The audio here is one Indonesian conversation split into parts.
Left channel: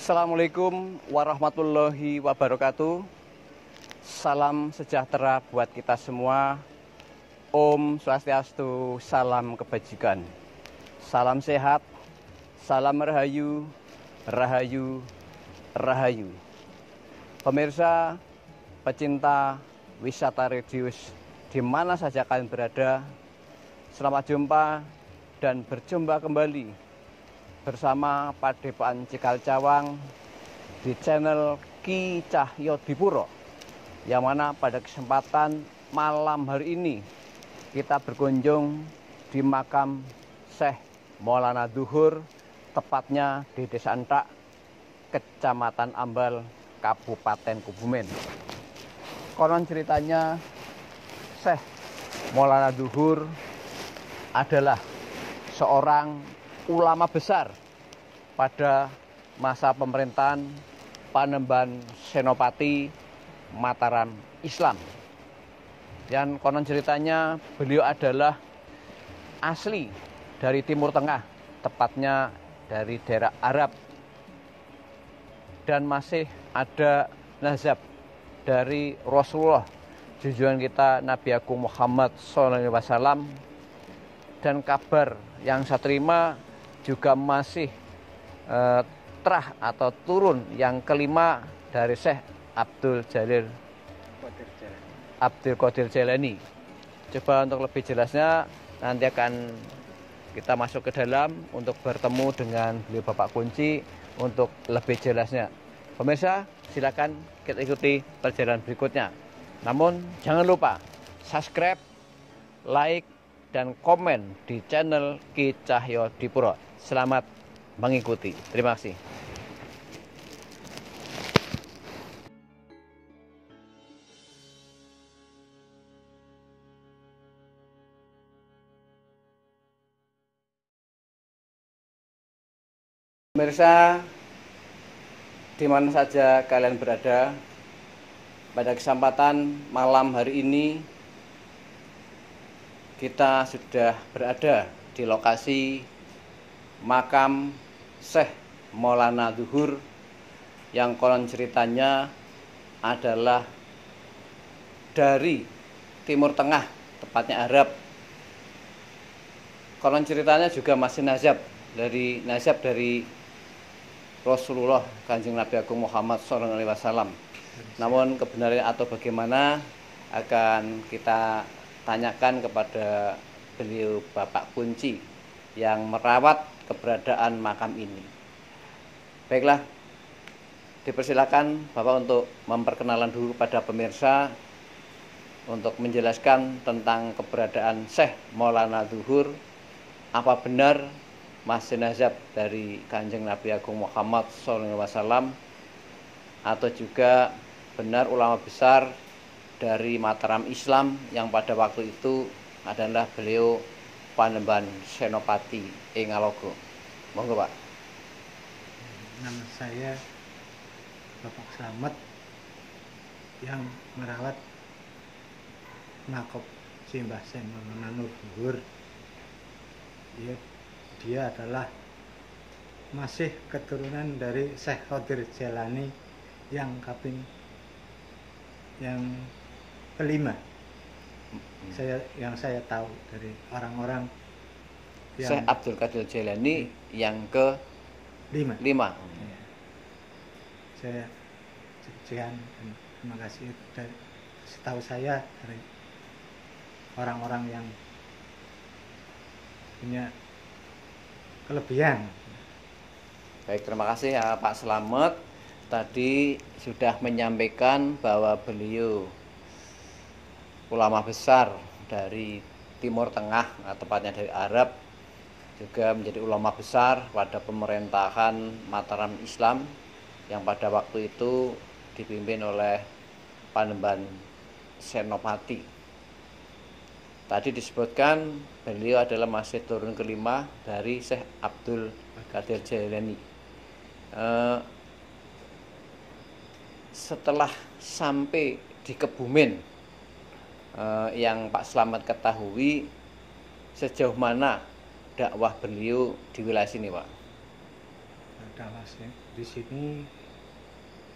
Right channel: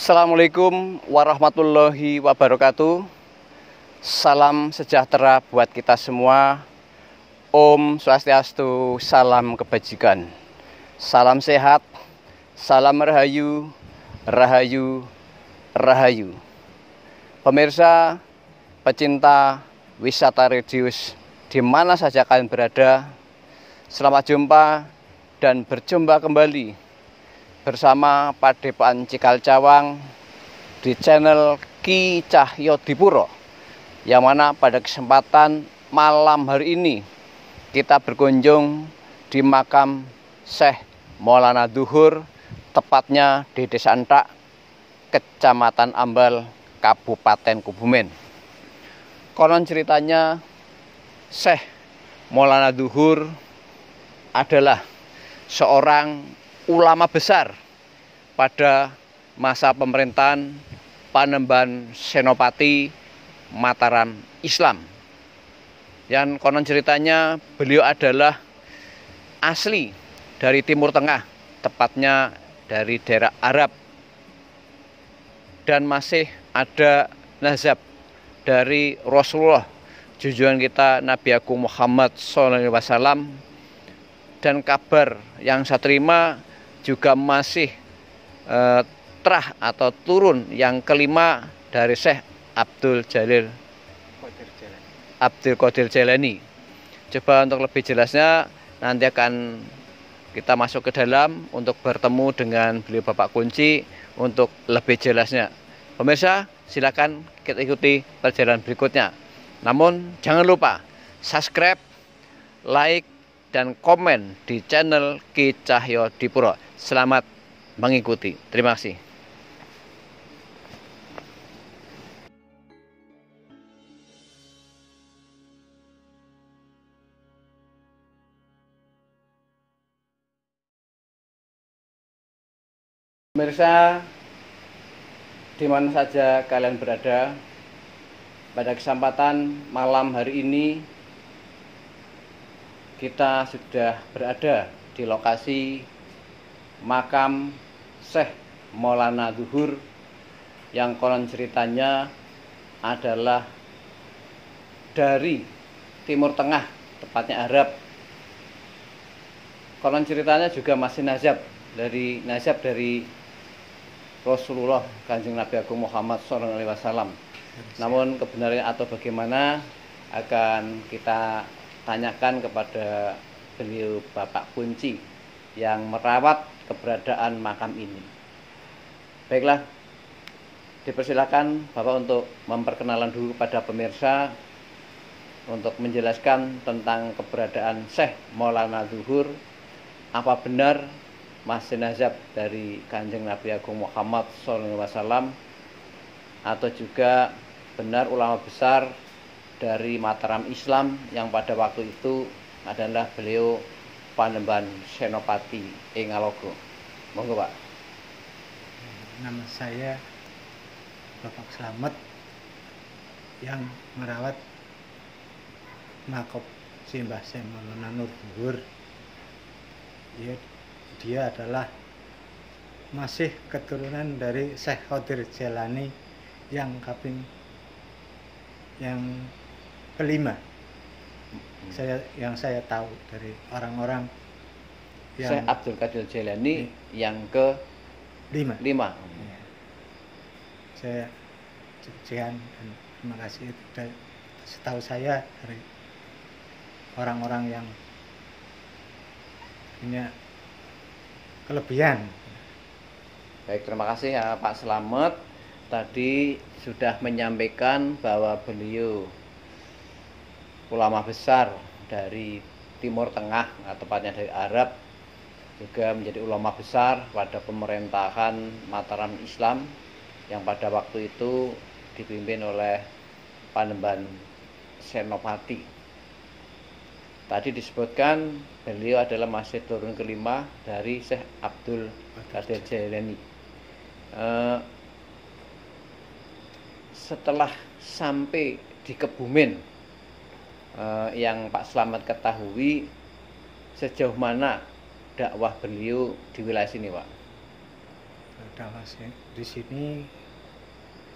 Assalamualaikum warahmatullahi wabarakatuh. Salam sejahtera buat kita semua. Om Swastiastu, salam kebajikan. Salam sehat, salam rahayu, rahayu, rahayu. Pemirsa, pecinta wisata religius di mana saja kalian berada, selamat jumpa dan berjumpa kembali bersama Padepokan Cikal Cawang di channel Ki Cahyodipuro, yang mana pada kesempatan malam hari ini kita berkunjung di makam Syekh Maulana Dzuhur, tepatnya di Desa Entak, Kecamatan Ambal, Kabupaten Kebumen. Konon ceritanya Syekh Maulana Dzuhur adalah seorang ulama besar pada masa pemerintahan Panembahan Senopati Mataram Islam. Dan konon ceritanya beliau adalah asli dari Timur Tengah, tepatnya dari daerah Arab, dan masih ada nazab dari Rasulullah junjungan kita Nabi Agung Muhammad SAW. Dan kabar yang saya terima juga masih terah atau turun yang kelima dari Syekh Abdul Qadir Jailani. Coba untuk lebih jelasnya nanti akan kita masuk ke dalam untuk bertemu dengan beliau Bapak Kunci untuk lebih jelasnya. Pemirsa, silakan kita ikuti perjalanan berikutnya. Namun jangan lupa subscribe, like, dan komen di channel Ki Cahyodipuro. Selamat mengikuti. Terima kasih. Pemirsa, di mana saja kalian berada, pada kesempatan malam hari ini kita sudah berada di lokasi makam Syekh Maulana Dzuhur yang konon ceritanya adalah dari Timur Tengah, tepatnya Arab. Konon ceritanya juga masih nazab dari Rasulullah Kanjeng Nabi Agung Muhammad SAW. Namun kebenarannya atau bagaimana akan kita tanyakan kepada beliau Bapak Kunci yang merawat keberadaan makam ini. Baiklah, dipersilakan Bapak untuk memperkenalan dulu pada pemirsa untuk menjelaskan tentang keberadaan Syekh Maulana Dzuhur. Apa benar masih nazab dari Kanjeng Nabi Agung Muhammad SAW, atau juga benar ulama besar dari Mataram Islam yang pada waktu itu adalah beliau Panembahan Senopati Ngalogo. Monggo Pak. Nama saya Bapak Slamet yang merawat makam Simbah Syekh Maulana Dzuhur. Dia adalah masih keturunan dari Syekh Qadir Jailani yang kelima. Yang saya tahu dari orang-orang yang Syekh Abdul Qadir Jailani yang ke lima. Ya. Saya sekian dan terima kasih. Setahu saya dari orang-orang yang punya kelebihan. Baik, terima kasih ya Pak Slamet. Tadi sudah menyampaikan bahwa beliau ulama besar dari Timur Tengah, tepatnya dari Arab, juga menjadi ulama besar pada pemerintahan Mataram Islam yang pada waktu itu dipimpin oleh Panembahan Senopati. Tadi disebutkan beliau adalah masih turun kelima dari Syekh Abdul Qadir Jailani. Setelah sampai di Kebumen, yang Pak Slamet ketahui, sejauh mana dakwah beliau di wilayah sini, Pak? ada Mas. Di sini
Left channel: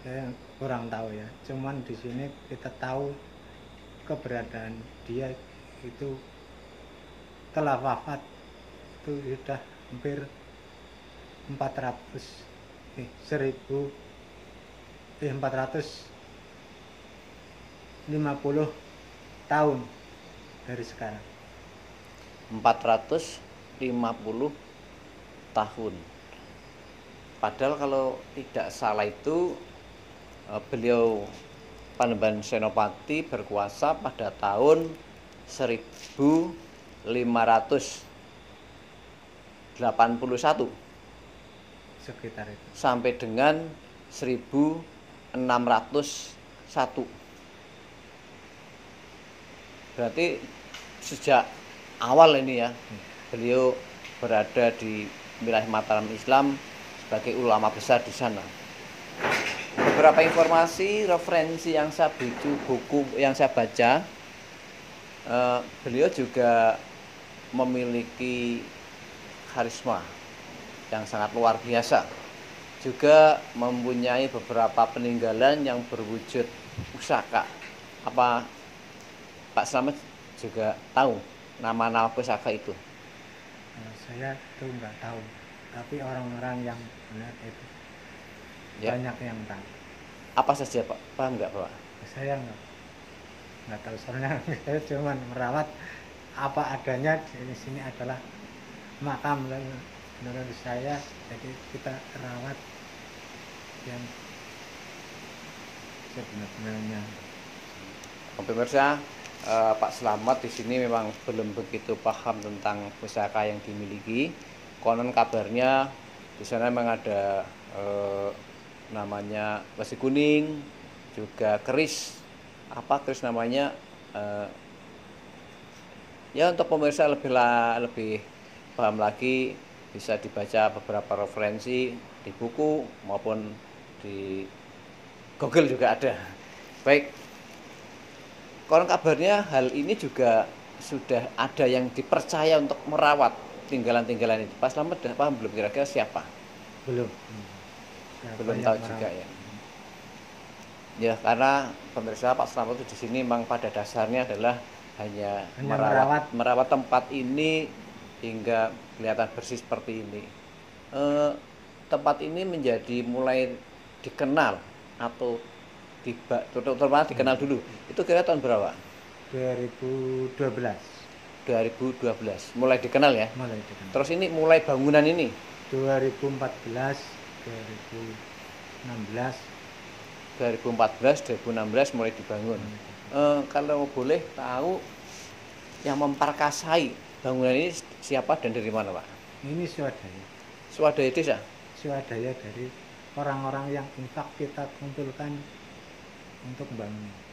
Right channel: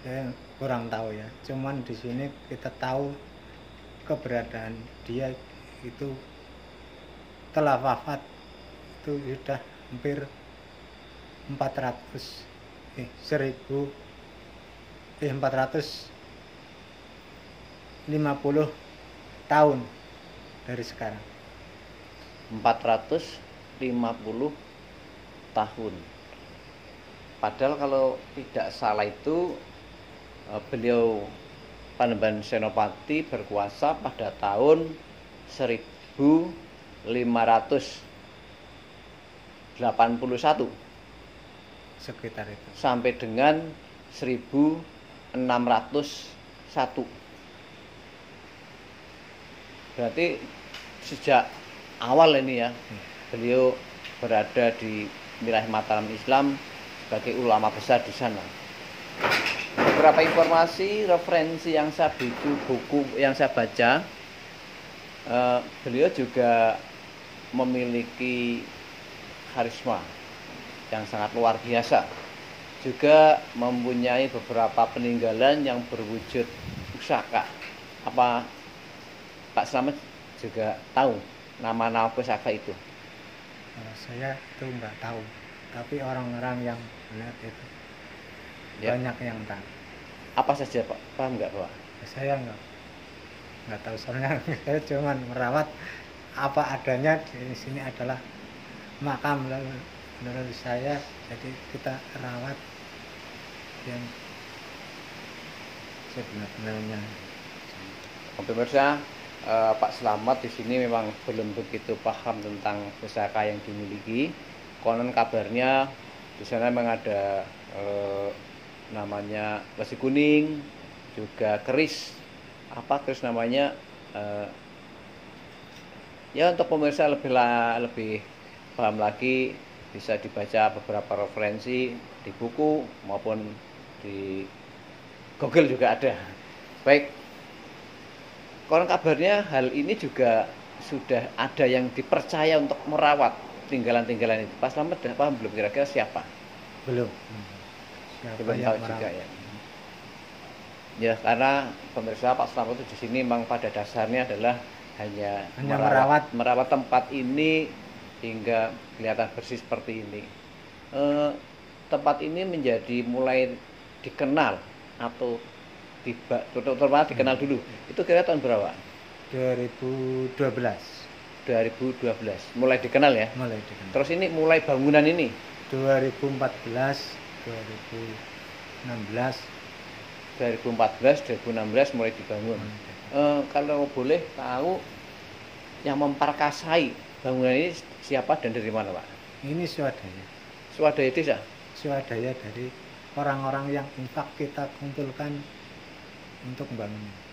saya kurang tahu ya. Cuman di sini kita tahu keberadaan dia itu telah wafat itu sudah hampir 450 tahun dari sekarang. 450 tahun. Padahal kalau tidak salah itu beliau Panembahan Senopati berkuasa pada tahun 1581 Sekitar itu. sampai dengan 1601. Berarti sejak awal ini ya beliau berada di wilayah Mataram Islam sebagai ulama besar di sana. Beberapa informasi referensi yang saya buku yang saya baca, beliau juga memiliki karisma yang sangat luar biasa, juga mempunyai beberapa peninggalan yang berwujud pusaka. Apa Pak Slamet juga tahu nama-nama pusaka itu? Saya itu nggak tahu, tapi orang-orang yang melihat itu Ya. banyak yang tahu. Apa saja Pak? Paham nggak Pak? Saya nggak tahu, soalnya saya cuma merawat apa adanya. Di sini adalah makam menurut saya, jadi kita rawat yang sebenarnya. Pemirsa, Pak Slamet di sini memang belum begitu paham tentang pusaka yang dimiliki. Konon kabarnya di sana memang ada namanya besi kuning, juga keris. Apa keris namanya? Ya untuk pemirsa lebih paham lagi bisa dibaca beberapa referensi di buku maupun di Google juga ada. Baik. Konon kabarnya hal ini juga sudah ada yang dipercaya untuk merawat tinggalan-tinggalan itu. Pak Slamet sudah paham belum kira-kira siapa? Belum. Belum tahu juga ya. Ya karena pemirsa Pak Slamet itu di sini memang pada dasarnya adalah hanya merawat tempat ini hingga kelihatan bersih seperti ini. Tempat ini menjadi mulai dikenal atau terutama dikenal dulu. Itu kira tahun berapa? 2012. 2012. Mulai dikenal ya? Mulai dikenal. Terus ini mulai bangunan ini 2014, 2016 mulai dibangun. Kalau boleh tahu yang memperkasai bangunan ini siapa dan dari mana Pak? Ini swadaya. Swadaya desa? Swadaya dari orang-orang yang infak kita kumpulkan untuk bangunan.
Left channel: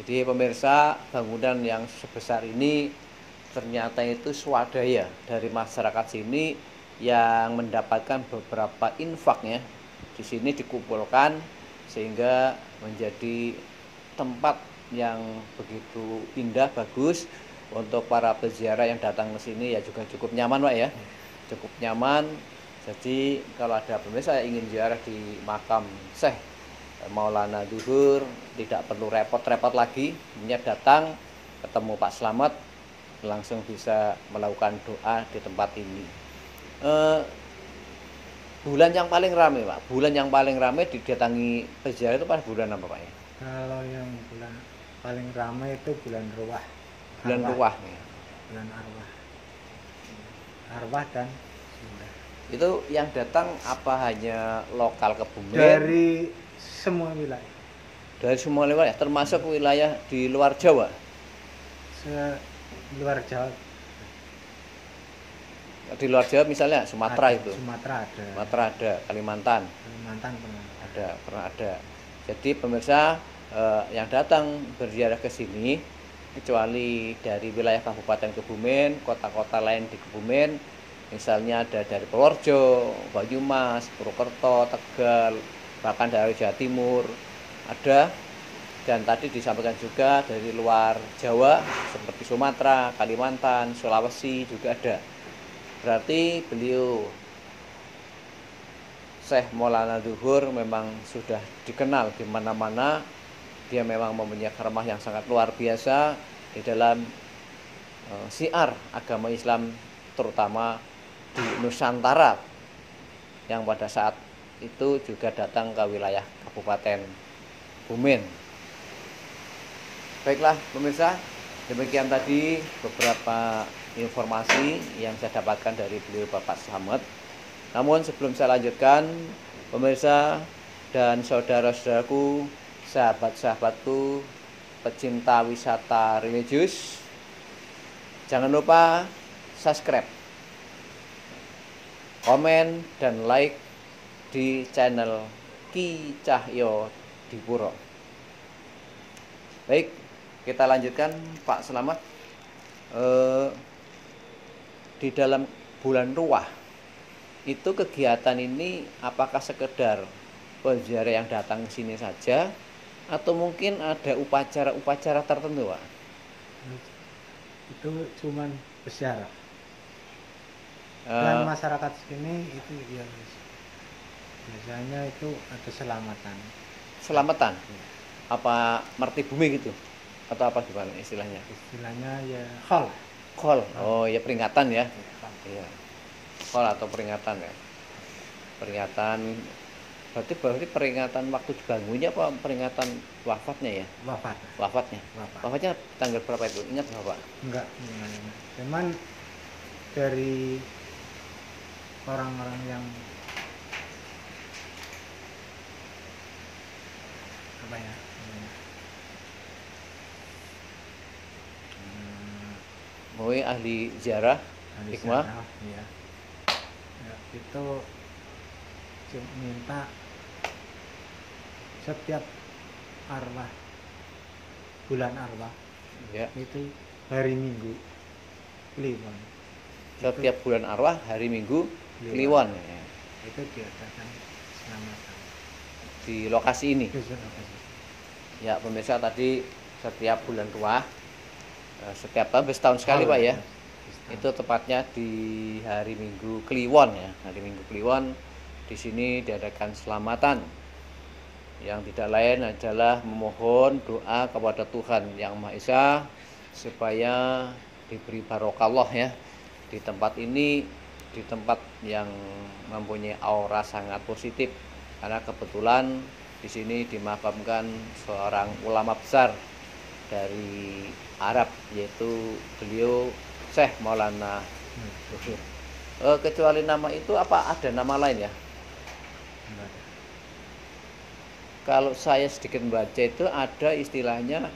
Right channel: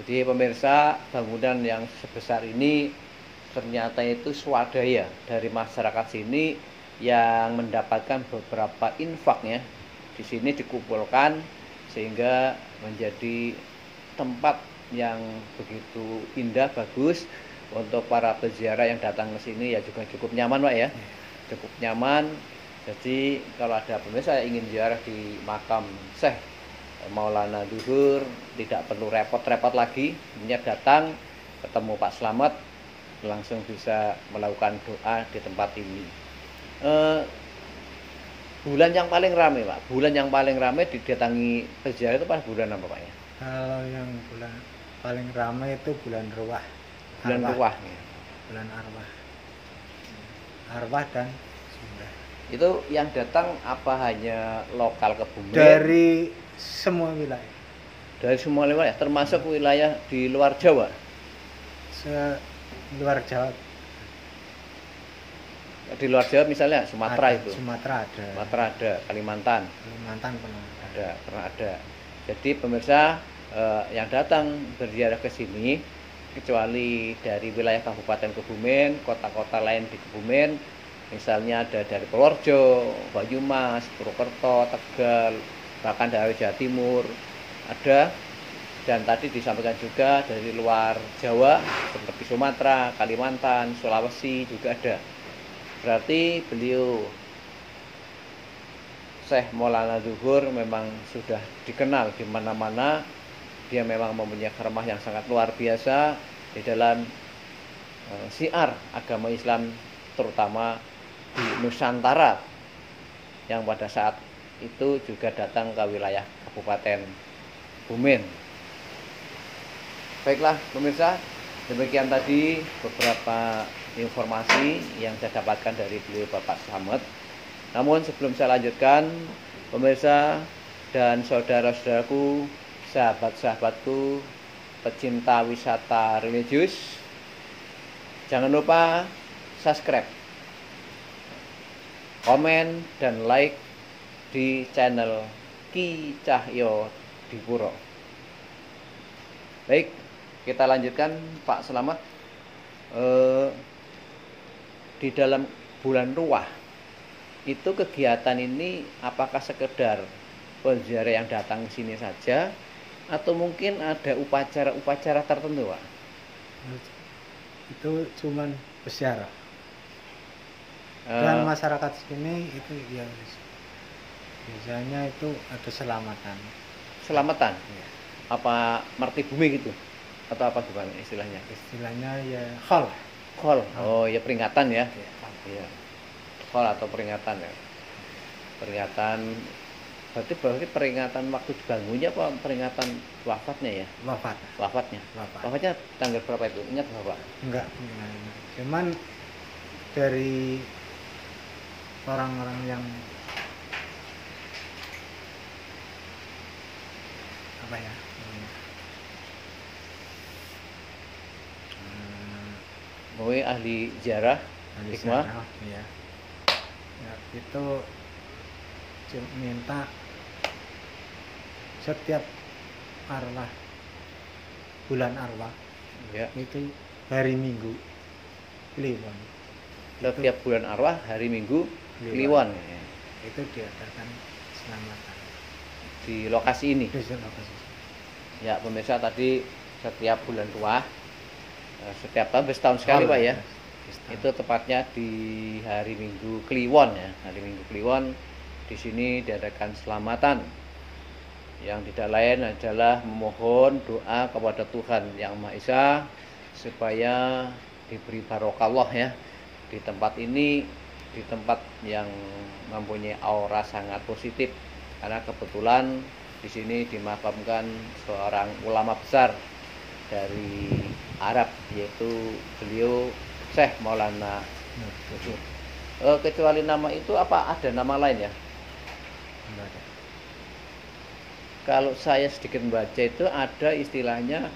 Jadi pemirsa, bangunan yang sebesar ini ternyata itu swadaya dari masyarakat sini yang mendapatkan beberapa infaknya di sini dikumpulkan sehingga menjadi tempat yang begitu indah, bagus untuk para peziarah yang datang ke sini. Ya juga cukup nyaman Pak ya, cukup nyaman. Jadi kalau ada pemirsa yang ingin ziarah di makam Syekh Maulana Duhur, tidak perlu repot-repot lagi, hanya datang ketemu Pak Slamet langsung bisa melakukan doa di tempat ini. Bulan yang paling ramai Pak, bulan yang paling ramai didatangi peziarah itu pada bulan apa Pak ya? Kalau yang bulan paling ramai itu bulan Ruwah. Bulan Ruwah. Bulan Arwah. Arwah dan itu yang datang apa hanya lokal Kebumen? Dari semua wilayah. Dari semua wilayah, termasuk wilayah di luar Jawa. Luar Jawa. Di luar Jawa misalnya Sumatera ada, itu. Sumatera ada, Kalimantan. Pernah ada. Jadi pemirsa yang datang berziarah ke sini kecuali dari wilayah Kabupaten Kebumen, kota-kota lain di Kebumen, misalnya ada dari Purworejo, Banyumas, Purwokerto, Tegal, bahkan dari Jawa Timur ada, dan tadi disampaikan juga dari luar Jawa seperti Sumatera, Kalimantan, Sulawesi juga ada. Berarti beliau Syekh Maulana Zuhur memang sudah dikenal di mana-mana. Dia memang mempunyai karamah yang sangat luar biasa di dalam syiar agama Islam, terutama di Nusantara, yang pada saat itu juga datang ke wilayah Kabupaten Bumen. Baiklah pemirsa, demikian tadi beberapa informasi yang saya dapatkan dari beliau Bapak Slamet. Namun sebelum saya lanjutkan, pemirsa dan saudara-saudaraku, sahabat-sahabatku, pecinta wisata religius, jangan lupa subscribe, komen, dan like di channel Ki Cahyo Dipuro. Baik, kita lanjutkan Pak Slamet. Di dalam bulan Ruwah itu kegiatan ini apakah sekedar peziarah yang datang ke sini saja, atau mungkin ada upacara-upacara tertentu, Pak? Itu cuman peziarah. Dan masyarakat sini itu ya biasanya itu ada selamatan. Selamatan? Ya. Apa merti bumi gitu? Atau apa gimana istilahnya? Istilahnya ya khol. Khol. Oh ya, peringatan ya. Iya. Khol atau peringatan ya. Peringatan berarti peringatan waktu dibangunnya apa peringatan wafatnya ya? Wafatnya. Wafatnya tanggal berapa itu? Ingat Bapak? Enggak. Cuman dari orang-orang yang apa ya? Mungkin ahli ziarah, hikmah. Ya. Ya, itu minta setiap arwah, bulan arwah Ya. itu hari Minggu Kliwon. Setiap bulan arwah hari Minggu Kliwon. Ya. Itu diadakan selamatan Di lokasi ini. di lokasi. Ya pemirsa, tadi setiap bulan Ruwah, setiap tahun setahun sekali Pak ya. Itu tepatnya di hari Minggu Kliwon ya. Hari Minggu Kliwon di sini diadakan selamatan, yang tidak lain adalah memohon doa kepada Tuhan Yang Maha Esa supaya diberi barokallah ya di tempat ini, di tempat yang mempunyai aura sangat positif, karena kebetulan di sini dimakamkan seorang ulama besar dari Arab, yaitu beliau Syekh Maulana Zuhur. Kecuali nama itu, apa ada nama lain ya? Kalau saya sedikit membaca itu ada istilahnya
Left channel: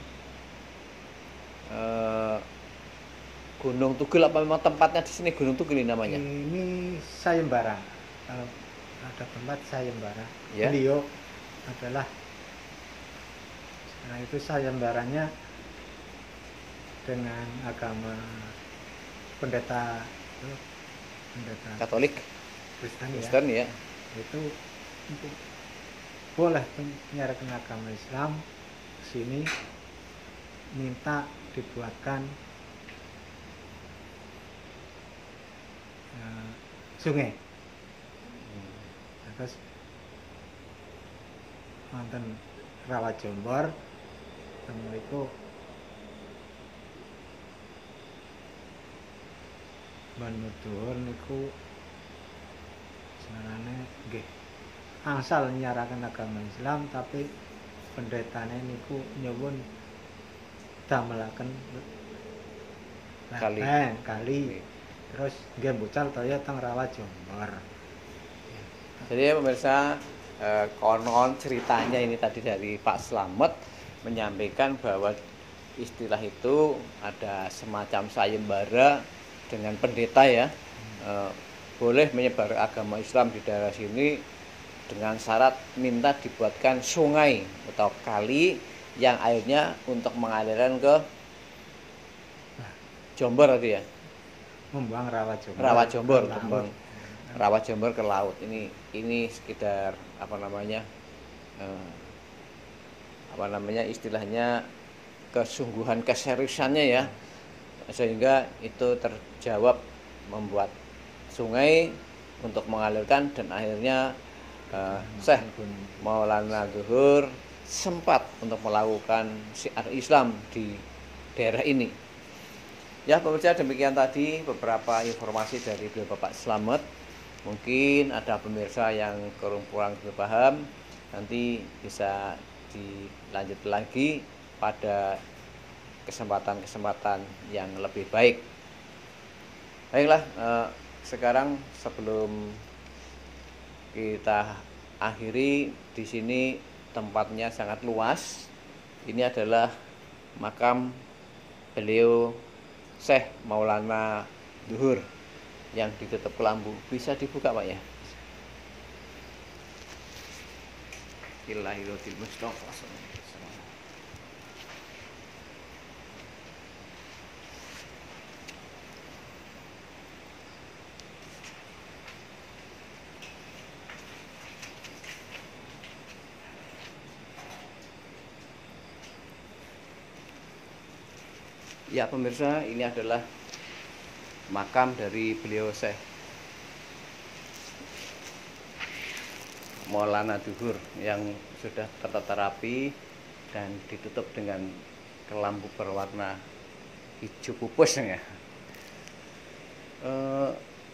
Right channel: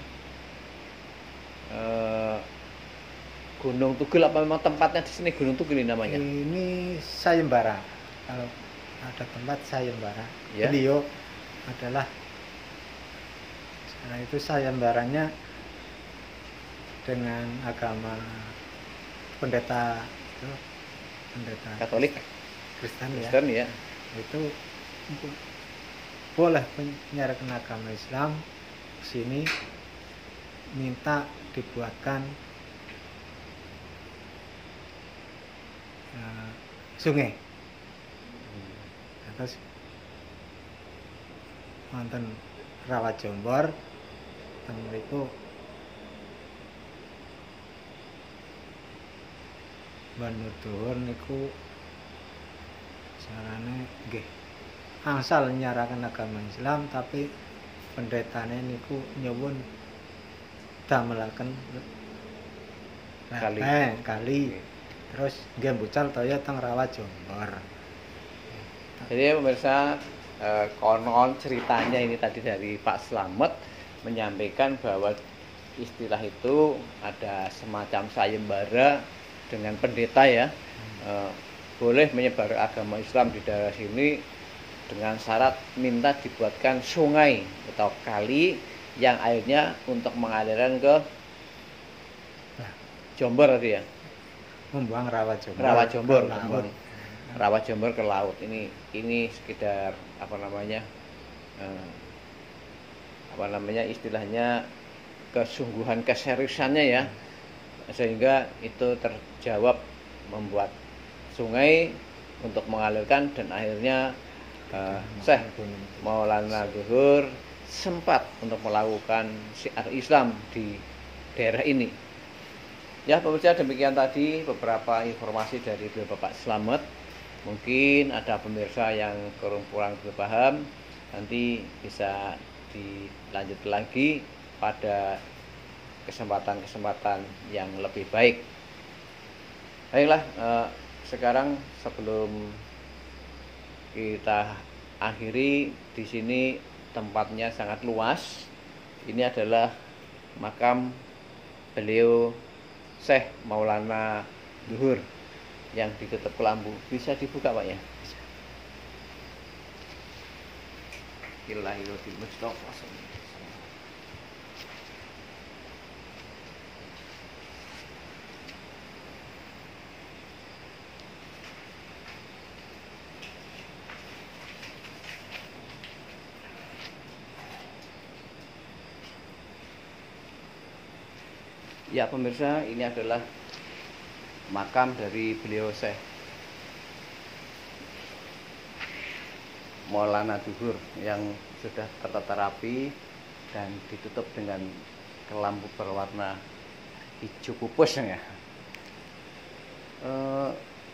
Gunung Tugel, apa memang tempatnya di sini Gunung Tugel namanya? Ini sayembara. Kalau ada tempat sayembara, Ya. beliau adalah, nah itu sayembaranya dengan agama pendeta Katolik, Kristen ya. Itu untuk boleh menyiarkan agama Islam di sini, minta dibuatkan sungai. Terus wonten Rawa Jombor, dan mriku Banudhur niku salahnya nggih angsal nyarakan agama Islam, tapi pendetane niku nyuwun damelaken kali. Terus nggih mbucal toya teng Rawa Jombor. Jadi pemirsa, konon ceritanya ini tadi dari Pak Slamet menyampaikan bahwa istilah itu ada semacam sayembara dengan pendeta ya, boleh menyebar agama Islam di daerah sini dengan syarat minta dibuatkan sungai atau kali yang airnya untuk mengalirkan ke Jombor tadi ya. Membuang Rawa Jombor. Membuang Rawa Jombor ke laut. Ini sekedar istilahnya kesungguhan, keseriusannya ya, sehingga itu terjawab membuat sungai untuk mengalirkan, dan akhirnya Syekh Maulana Zuhur sempat untuk melakukan syiar Islam di daerah ini. Ya pemirsa, demikian tadi beberapa informasi dari beliau Bapak Slamet. Mungkin ada pemirsa yang kurang paham, nanti bisa dilanjut lagi pada kesempatan-kesempatan yang lebih baik. Baiklah, sekarang sebelum kita akhiri, di sini tempatnya sangat luas. Ini adalah makam beliau Syekh Maulana Zuhur yang ditutup kelambu. Bisa dibuka Pak ya? Ilahilotil Mustafa. Ya pemirsa, ini adalah makam dari beliau Syekh Maulana Zuhur yang sudah tertata rapi dan ditutup dengan kelambu berwarna hijau pupus ya.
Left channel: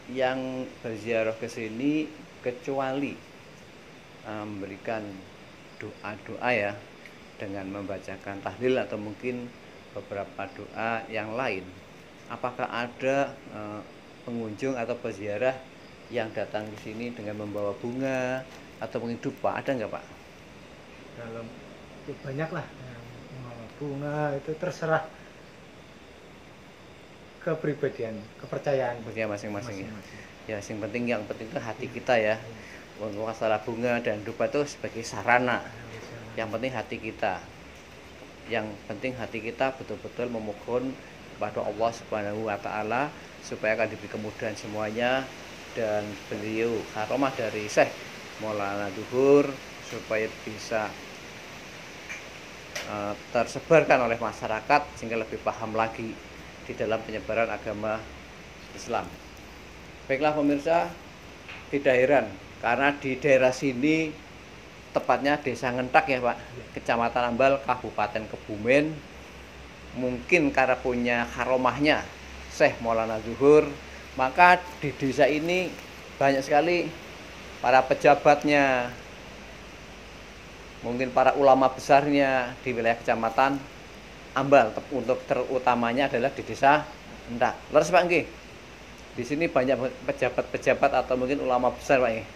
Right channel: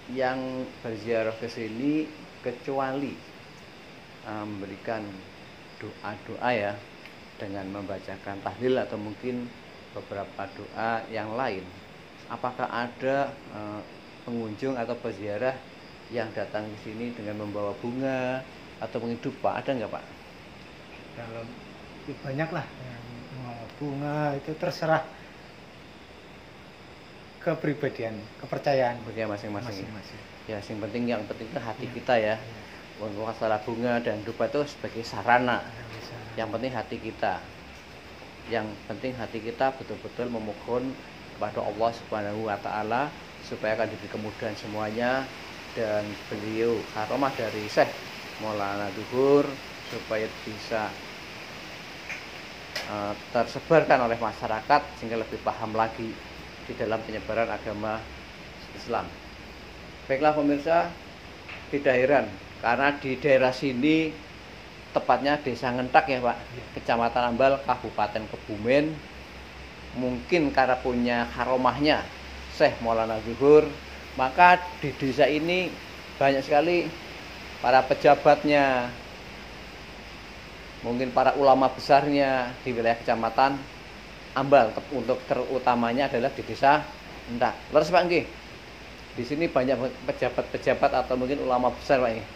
Yang berziarah ke sini kecuali memberikan doa-doa ya, dengan membacakan tahlil atau mungkin beberapa doa yang lain. Apakah ada pengunjung atau peziarah yang datang ke sini dengan membawa bunga atau mungkin dupa? Ada nggak Pak? Kalau itu banyak lah, bunga itu terserah kepribadian, kepercayaan Masing-masing. Ya, yang penting itu hati kita ya. Untuk masalah bunga dan dupa itu sebagai sarana. Yang penting hati kita. Yang penting hati kita betul-betul memohon kepada Allah Subhanahu wa taala supaya akan diberi kemudahan semuanya, dan beliau karomah dari Syekh Maulana Zuhur supaya bisa tersebarkan oleh masyarakat sehingga lebih paham lagi di dalam penyebaran agama Islam. Baiklah pemirsa, tidak heran karena di daerah sini, tepatnya Desa Ngentak ya Pak, Kecamatan Ambal, Kabupaten Kebumen, mungkin karena punya karomahnya Syekh Maulana Zuhur, maka di desa ini banyak sekali para pejabatnya, mungkin para ulama besarnya di wilayah Kecamatan Ambal. Untuk terutamanya adalah di Desa Ngentak. Leres Pak nggih. Di sini banyak pejabat-pejabat atau mungkin ulama besar Pak nggih.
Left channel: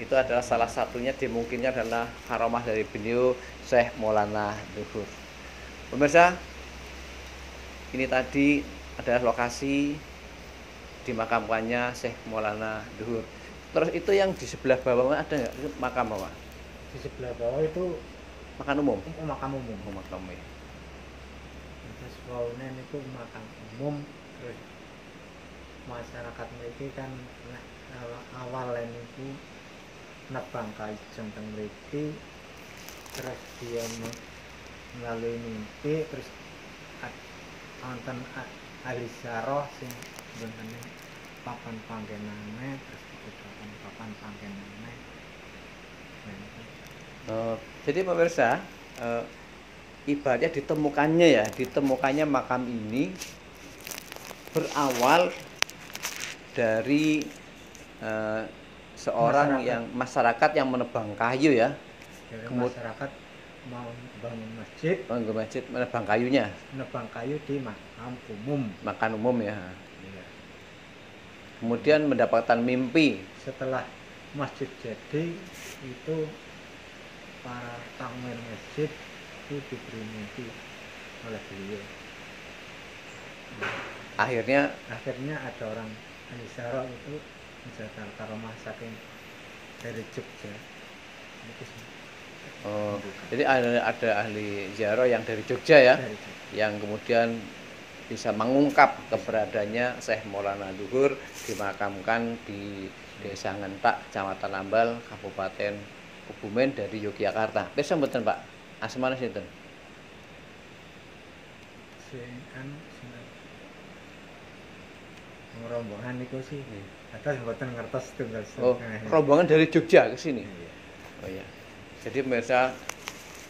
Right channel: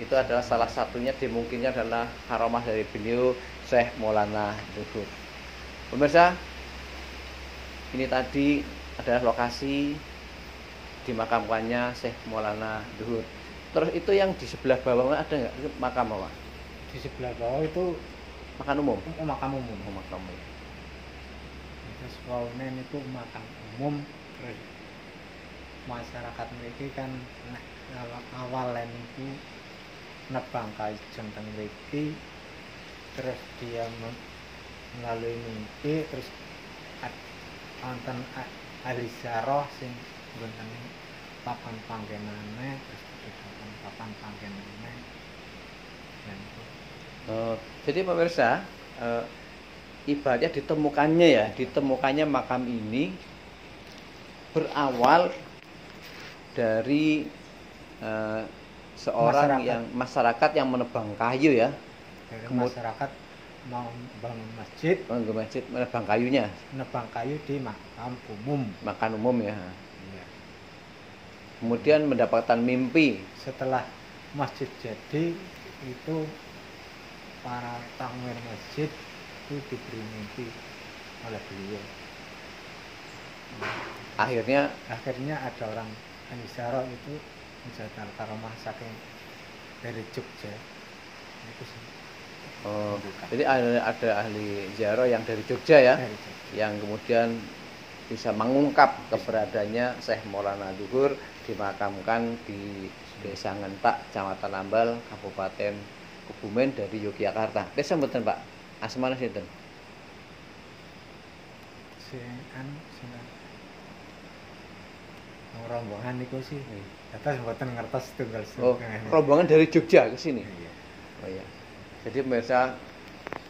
Itu adalah salah satunya, dimungkinnya adalah karomah dari beliau Syekh Maulana Zuhur. Pemirsa, ini tadi adalah lokasi dimakamkannya Syekh Maulana Zuhur. Terus itu yang di sebelah bawah ada nggak makam Pak? Di sebelah bawah itu makam umum. Makam umum. Makam umum. Terus waunen itu makam umum. Terus masyarakat mereka kan awalnya itu nebang kajeng teng mriki, terus dia melalui mimpi, terus wonten ahli syarah sing jenenge papan panggenane, terus papan panggenane. Jadi pemirsa, ibaratnya ditemukannya makam ini berawal dari seorang masyarakat yang menebang kayu ya. Masyarakat mau bangun masjid, menebang kayunya. Menebang kayu di makam umum. Makam umum ya. Iya. Kemudian mendapatkan mimpi. Setelah masjid jadi itu tangan masjid itu diberi mimpi oleh beliau. Akhirnya ada orang Anisara itu menjaga karomah saking dari Jogja. Jadi ada ahli ziarah yang dari Jogja ya, yang kemudian bisa mengungkap keberadaannya Syekh Maulana Zuhur dimakamkan di Desa Ngentak, Kecamatan Ambal, Kabupaten Kebumen dari Yogyakarta. Pesen mboten Pak? Asmane sinten? Rombongan niku sih Atas mboten ngertos tunggal Oh, sungai. rombongan dari Jogja ke sini. Iya. Oh iya. Jadi pemirsa,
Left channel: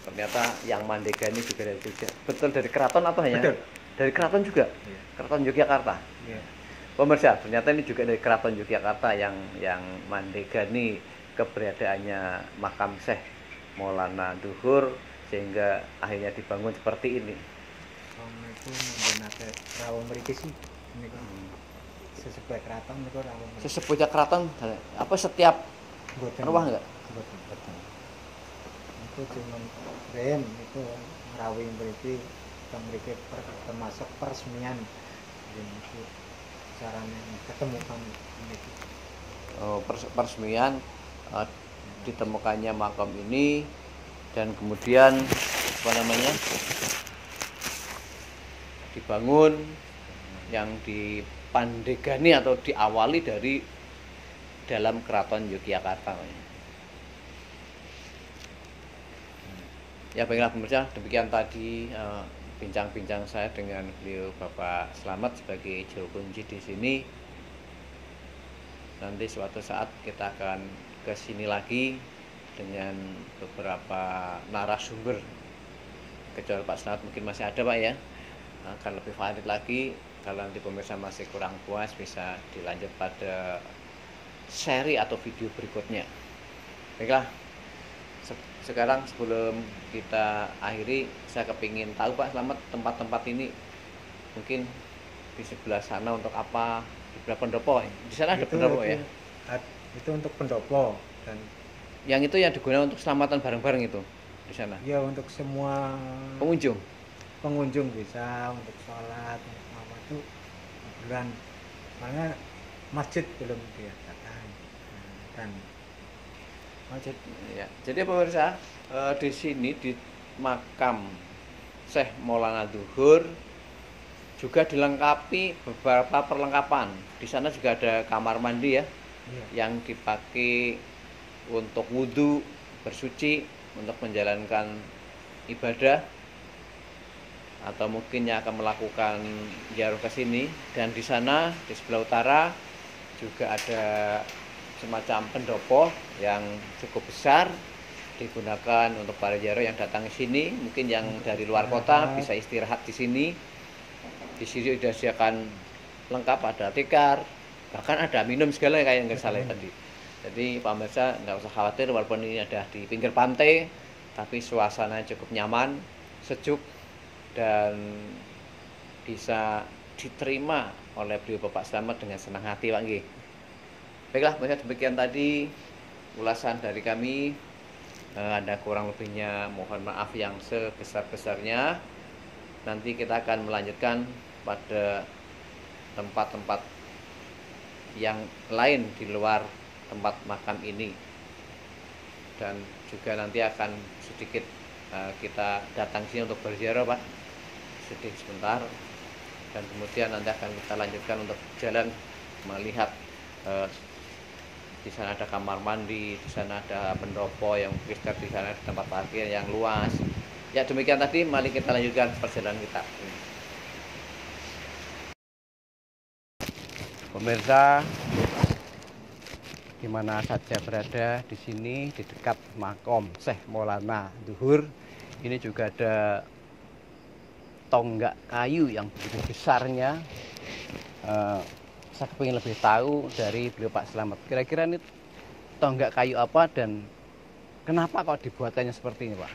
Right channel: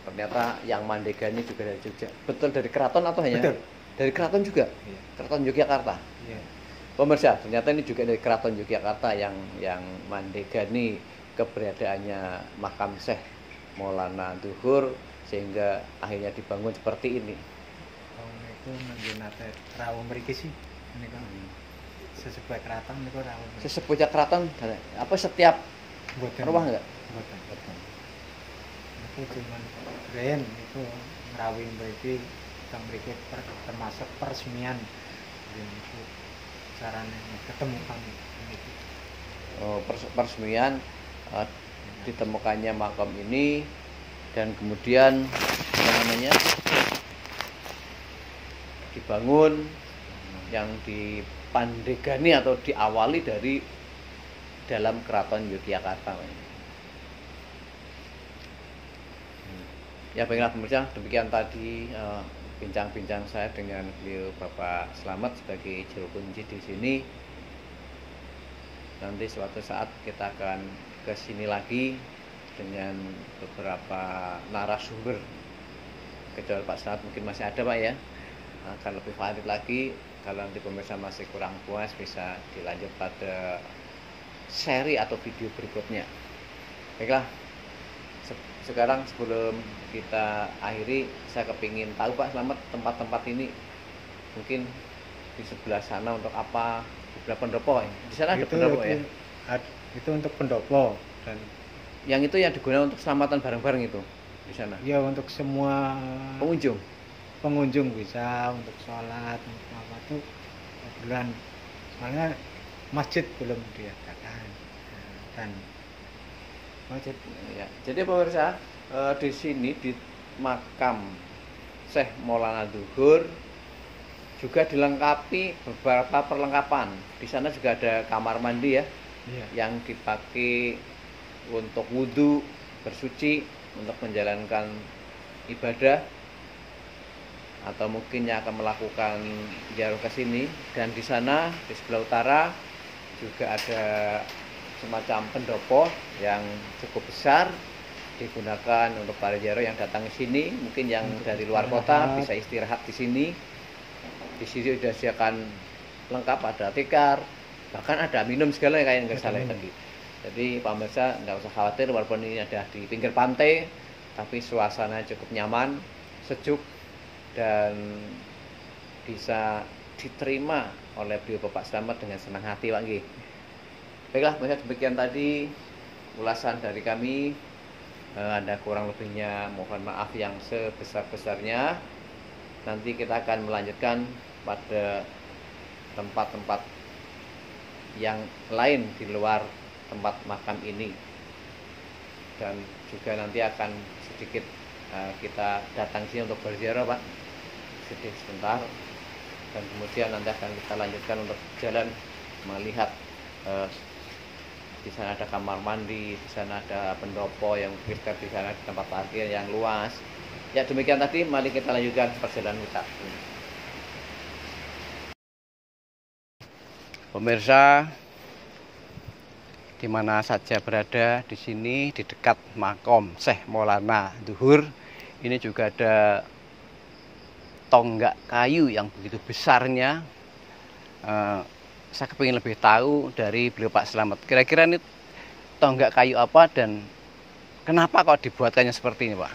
ternyata yang Mandega ini juga dari Jogja. Betul dari keraton atau hanya Betul. dari keraton juga? Iya. Keraton Yogyakarta. Iya. Pemirsa, ternyata ini juga dari keraton Yogyakarta yang Mandega ini keberadaannya makam Syekh Maulana Duhur sehingga akhirnya dibangun seperti ini. Kalau niku nate rawuh mriki sih niku sesepuh keraton niku rawuh. Sesepuhnya keraton apa setiap Mboten. rumah enggak? Mboten. Itu cuman ben niku ngrawuh mriki teng mriki termasuk peresmian niku carane ketemu kami niki. Oh, peresmian ditemukannya makam ini dan kemudian apa namanya dibangun yang dipandegani atau diawali dari dalam keraton Yogyakarta. Ya baiklah pemirsa, demikian tadi bincang-bincang saya dengan beliau Bapak Slamet sebagai juru kunci di sini. Nanti suatu saat kita akan ke sini lagi dengan beberapa narasumber. Kecuali Pak Slamet mungkin masih ada Pak ya. Akan lebih valid lagi. Kalau nanti pemirsa masih kurang puas bisa dilanjut pada seri atau video berikutnya. Baiklah, sekarang sebelum kita akhiri, saya kepingin tahu Pak Slamet tempat-tempat ini mungkin di sebelah sana untuk apa? Di sebelah pendopo, di sana ada pendopo ya? Itu untuk pendopo dan yang itu yang digunakan untuk selamatan bareng-bareng itu di sana. ya untuk semua Pengunjung. bisa untuk sholat untuk apa itu bulan soalnya masjid belum diadakan dan Masjid. Ya. Jadi pemirsa, di sini di makam Syekh Maulana Duhur juga dilengkapi beberapa perlengkapan. Di sana juga ada kamar mandi ya, yang dipakai untuk wudhu, bersuci, untuk menjalankan ibadah, atau mungkin yang akan melakukan ziarah ke sini. Dan di sana di sebelah utara juga ada semacam pendopo yang cukup besar digunakan untuk para ziarah yang datang ke sini. Mungkin yang dari luar kota bisa istirahat di sini. Di sini sudah disediakan lengkap, ada tikar, bahkan ada minum segala kayak yang saya tadi. Jadi pemirsa nggak usah khawatir walaupun ini ada di pinggir pantai, tapi suasana cukup nyaman, sejuk, dan bisa diterima oleh beliau Bapak Slamet dengan senang hati Pak nggih. Baiklah, demikian tadi ulasan dari kami. Ada kurang lebihnya mohon maaf yang sebesar-besarnya. Nanti kita akan melanjutkan pada tempat-tempat yang lain di luar tempat makam ini. Dan juga nanti akan sedikit kita datang sini untuk berziarah Pak, sedikit sebentar, dan kemudian nanti akan kita lanjutkan untuk jalan melihat di sana ada kamar mandi, di sana ada pendopo yang besar, di sana ada tempat parkir yang luas. Ya demikian tadi, mari kita lanjutkan perjalanan kita. Pemirsa, di mana saja berada di sini di dekat makam Syekh Maulana Duhur, ini juga ada tonggak kayu yang begitu besarnya. Saya kepingin lebih tahu dari beliau Pak Slamet. Kira-kira ini tonggak kayu apa dan kenapa kok dibuatkannya seperti ini Pak?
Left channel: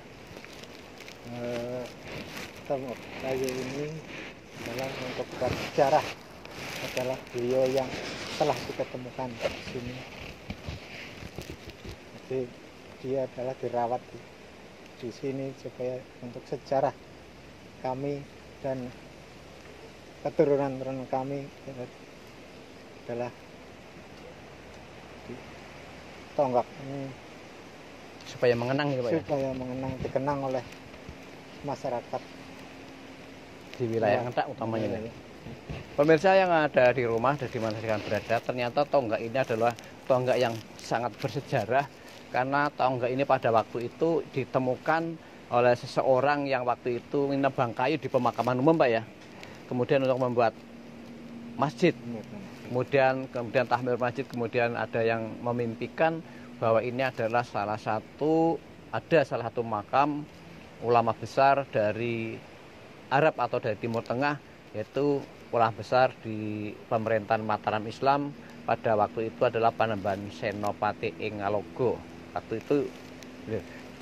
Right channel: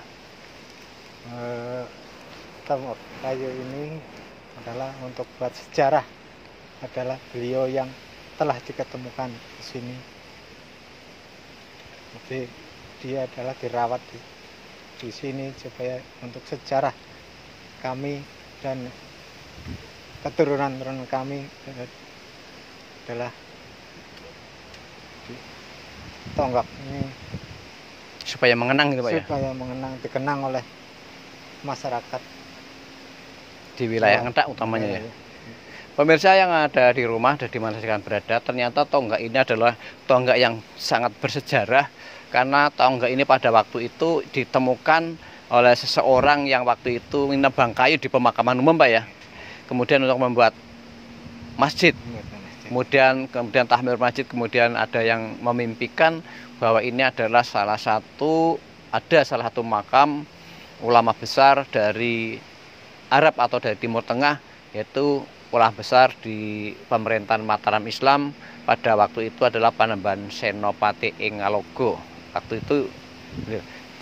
Tonggak kayu ini adalah untuk bersejarah, adalah beliau yang telah diketemukan di sini. Jadi dia adalah dirawat di sini supaya untuk sejarah kami dan keturunan kami adalah tonggak ini Supaya mengenang gitu Pak ya? supaya mengenang, dikenang oleh masyarakat Di wilayah Ngedak utamanya ya. Pemirsa yang ada di rumah dan di mana sekarang berada, ternyata tonggak ini adalah tonggak yang sangat bersejarah, karena tonggak ini pada waktu itu ditemukan oleh seseorang yang waktu itu menebang kayu di pemakaman umum Pak ya. Kemudian untuk membuat masjid. kemudian Tahmir Masjid, kemudian ada yang memimpikan bahwa ini adalah salah satu makam ulama besar dari Arab atau dari Timur Tengah, yaitu ulama besar di pemerintahan Mataram Islam pada waktu itu adalah Panembahan Senopati ing Ngalogo waktu itu.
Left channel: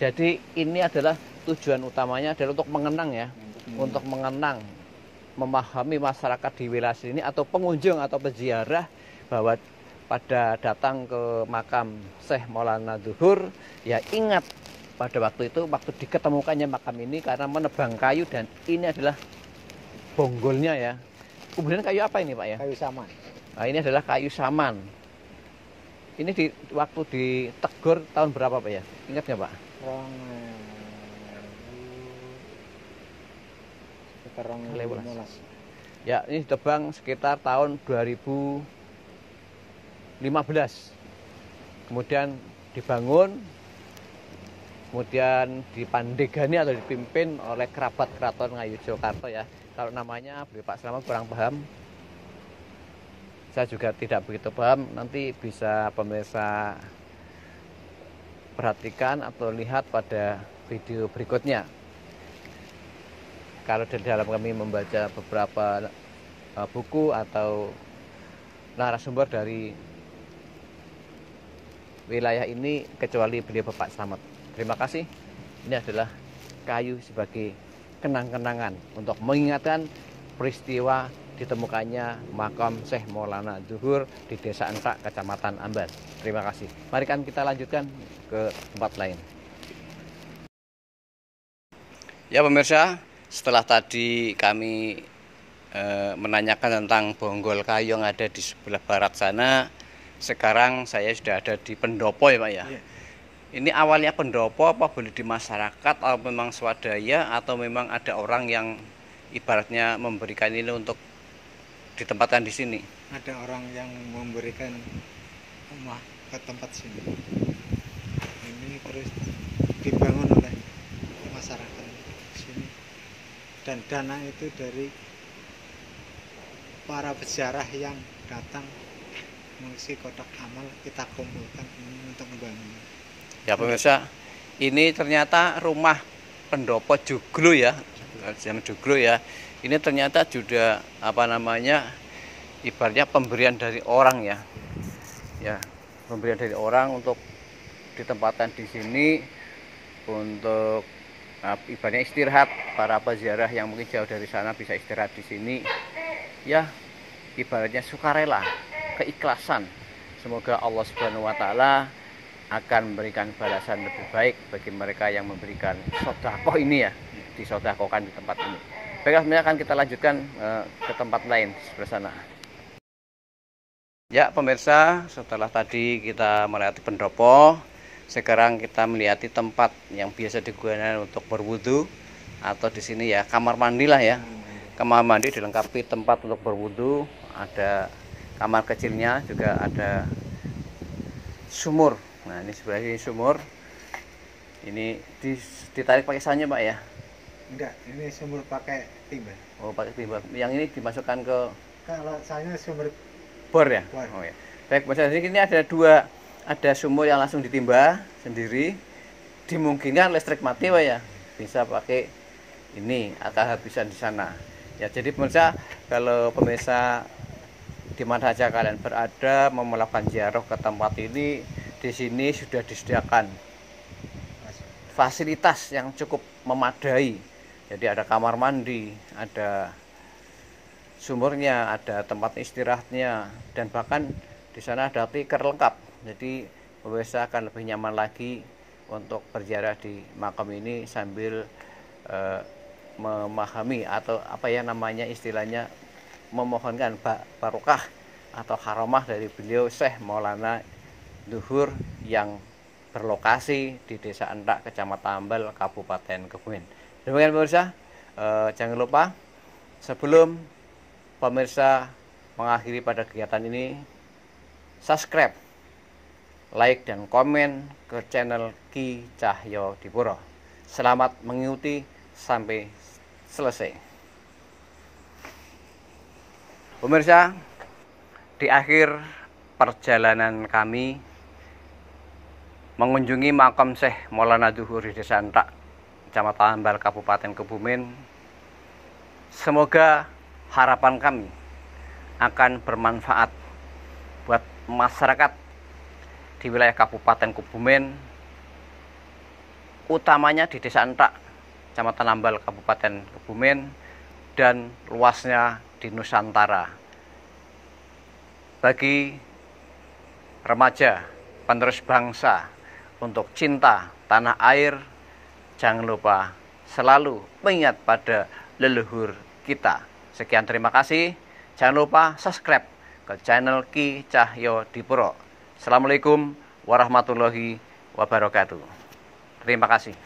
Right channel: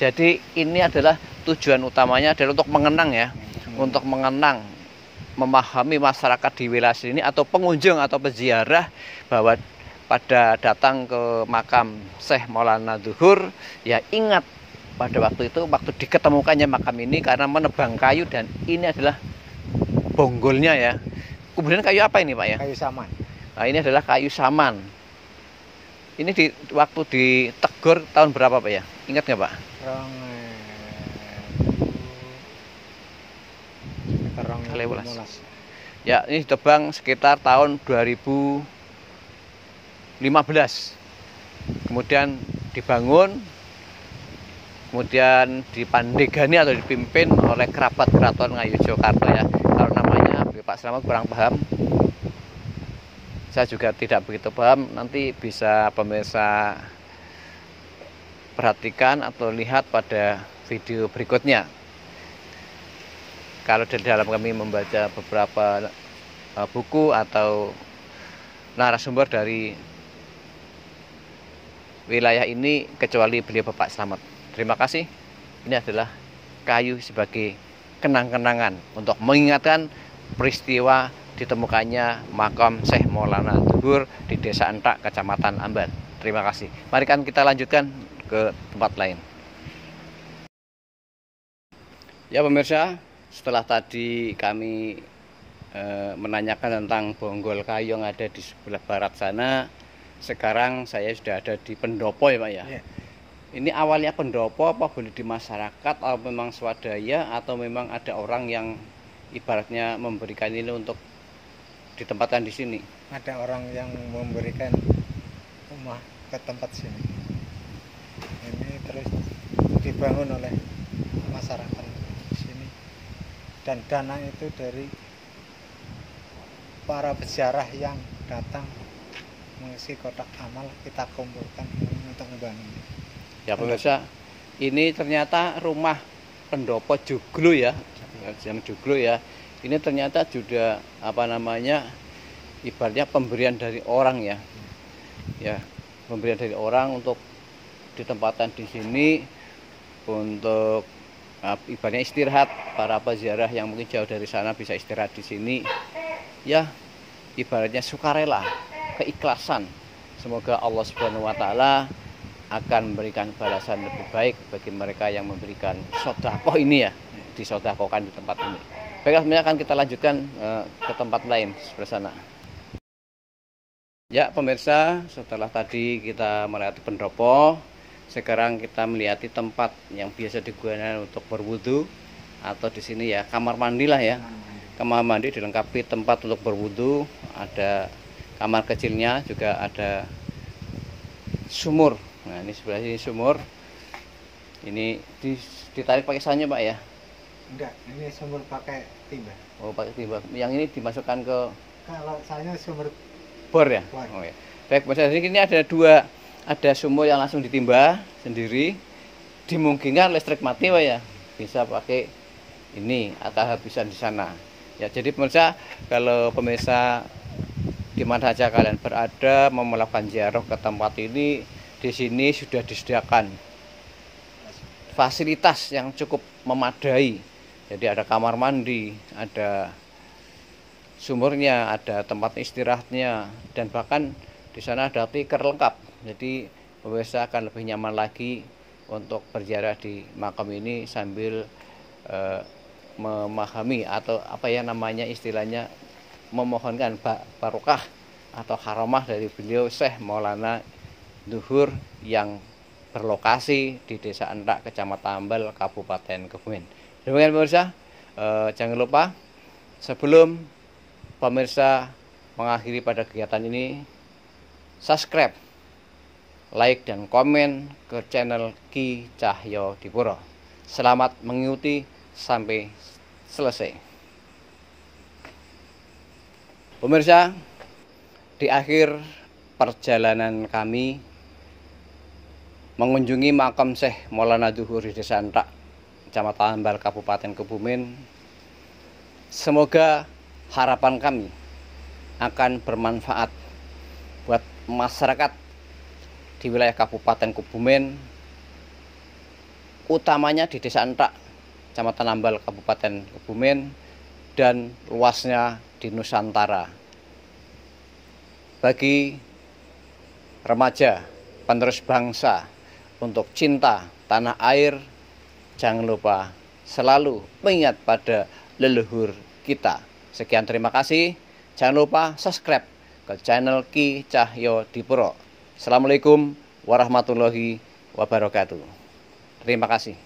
Jadi ini adalah tujuan utamanya adalah untuk mengenang ya, untuk mengenang, memahami masyarakat di wilayah sini atau pengunjung atau peziarah bahwa pada datang ke makam Syekh Maulana Zuhur ya ingat pada waktu itu waktu diketemukannya makam ini karena menebang kayu, dan ini adalah bonggolnya ya. Kemudian kayu apa ini Pak ya? Kayu saman. Nah, ini adalah kayu saman. Ini waktu ditegur tahun berapa Pak ya? Ingat nggak Pak? Ya, ini ditebang sekitar tahun 2015. Kemudian dibangun, kemudian dipandegani atau dipimpin oleh kerabat Keraton Ngayogyakarta ya. Kalau namanya Pak Slamet kurang paham, saya juga tidak begitu paham. Nanti bisa pemirsa perhatikan atau lihat pada video berikutnya. Kalau di dalam kami membaca beberapa buku atau narasumber dari wilayah ini, kecuali beliau Bapak Slamet. Terima kasih. Ini adalah kayu sebagai kenang-kenangan untuk mengingatkan peristiwa ditemukannya makam Syekh Maulana Zuhur di Desa Entak, Kecamatan Amban. Terima kasih. Mari kan kita lanjutkan ke tempat lain. Ya pemirsa, setelah tadi kami menanyakan tentang bonggol kayu yang ada di sebelah barat sana, sekarang saya sudah ada di pendopo ya Pak ya. Ini awalnya pendopo apa boleh di masyarakat atau memang swadaya atau memang ada orang yang ibaratnya memberikan ini untuk ditempatkan di sini? Ada orang yang memberikan rumah ke tempat sini. Ini terus dibangun oleh masyarakat di sini. Dan dana itu dari para peziarah yang datang mengisi kotak amal, kita kumpulkan untuk membangun. Ya pemirsa, ini ternyata rumah pendopo Joglo ya, Joglo ya. Ini ternyata juga ibaratnya pemberian dari orang ya. Ya, pemberian dari orang untuk ditempatkan di sini untuk ibaratnya istirahat. Para peziarah yang mungkin jauh dari sana bisa istirahat di sini. Ya, ibaratnya sukarela, keikhlasan. Semoga Allah Subhanahu wa taala akan memberikan balasan lebih baik bagi mereka yang memberikan sedekah ini ya, disedekahkan di tempat ini. Baiklah, sebenarnya akan kita lanjutkan ke tempat lain sebelah sana. Ya pemirsa, setelah tadi kita melewati pendopo, sekarang kita melihati tempat yang biasa digunakan untuk berwudu atau di sini ya kamar mandi lah ya. Kamar mandi dilengkapi tempat untuk berwudu, ada kamar kecilnya, juga ada sumur. Nah ini sebelah sini sumur. Ini ditarik pakai sanyo Pak ya? Enggak, ini sumur pakai timba. Oh pakai timba. Yang ini dimasukkan ke? Kalau sanyo sumur bor ya? Bor. Oh ya. Baik, maksudnya ini ada sumur yang langsung ditimba sendiri. Dimungkinkan listrik mati Pak ya, bisa pakai ini atau habisan di sana. Ya jadi pemirsa, kalau pemirsa di mana saja kalian berada mau melakukan ziarah ke tempat ini, di sini sudah disediakan fasilitas yang cukup memadai. Jadi ada kamar mandi, ada sumurnya, ada tempat istirahatnya, dan bahkan di sana ada tikar lengkap. Jadi pemirsa akan lebih nyaman lagi untuk berziarah di makam ini sambil memahami atau istilahnya memohonkan barokah atau karamah dari beliau Syekh Maulana Zuhur yang berlokasi di Desa Entak, Kecamatan Ambal, Kabupaten Kebumen. Demikian pemirsa, jangan lupa sebelum pemirsa mengakhiri pada kegiatan ini, subscribe, like dan komen ke channel Ki Cahyo Dipuro. Selamat mengikuti sampai selesai. Pemirsa, Di akhir perjalanan kami mengunjungi makam Syekh Maulana Zuhur di Desa Entak, Kecamatan Ambal, Kabupaten Kebumen, semoga harapan kami akan bermanfaat buat masyarakat di wilayah Kabupaten Kebumen, utamanya di Desa Entak, Kecamatan Ambal, Kabupaten Kebumen, dan luasnya di Nusantara. Bagi remaja penerus bangsa untuk cinta tanah air, jangan lupa selalu mengingat pada leluhur kita. Sekian, terima kasih. Jangan lupa subscribe ke channel Ki Cahyo Dipuro. Assalamualaikum warahmatullahi wabarakatuh. Terima kasih.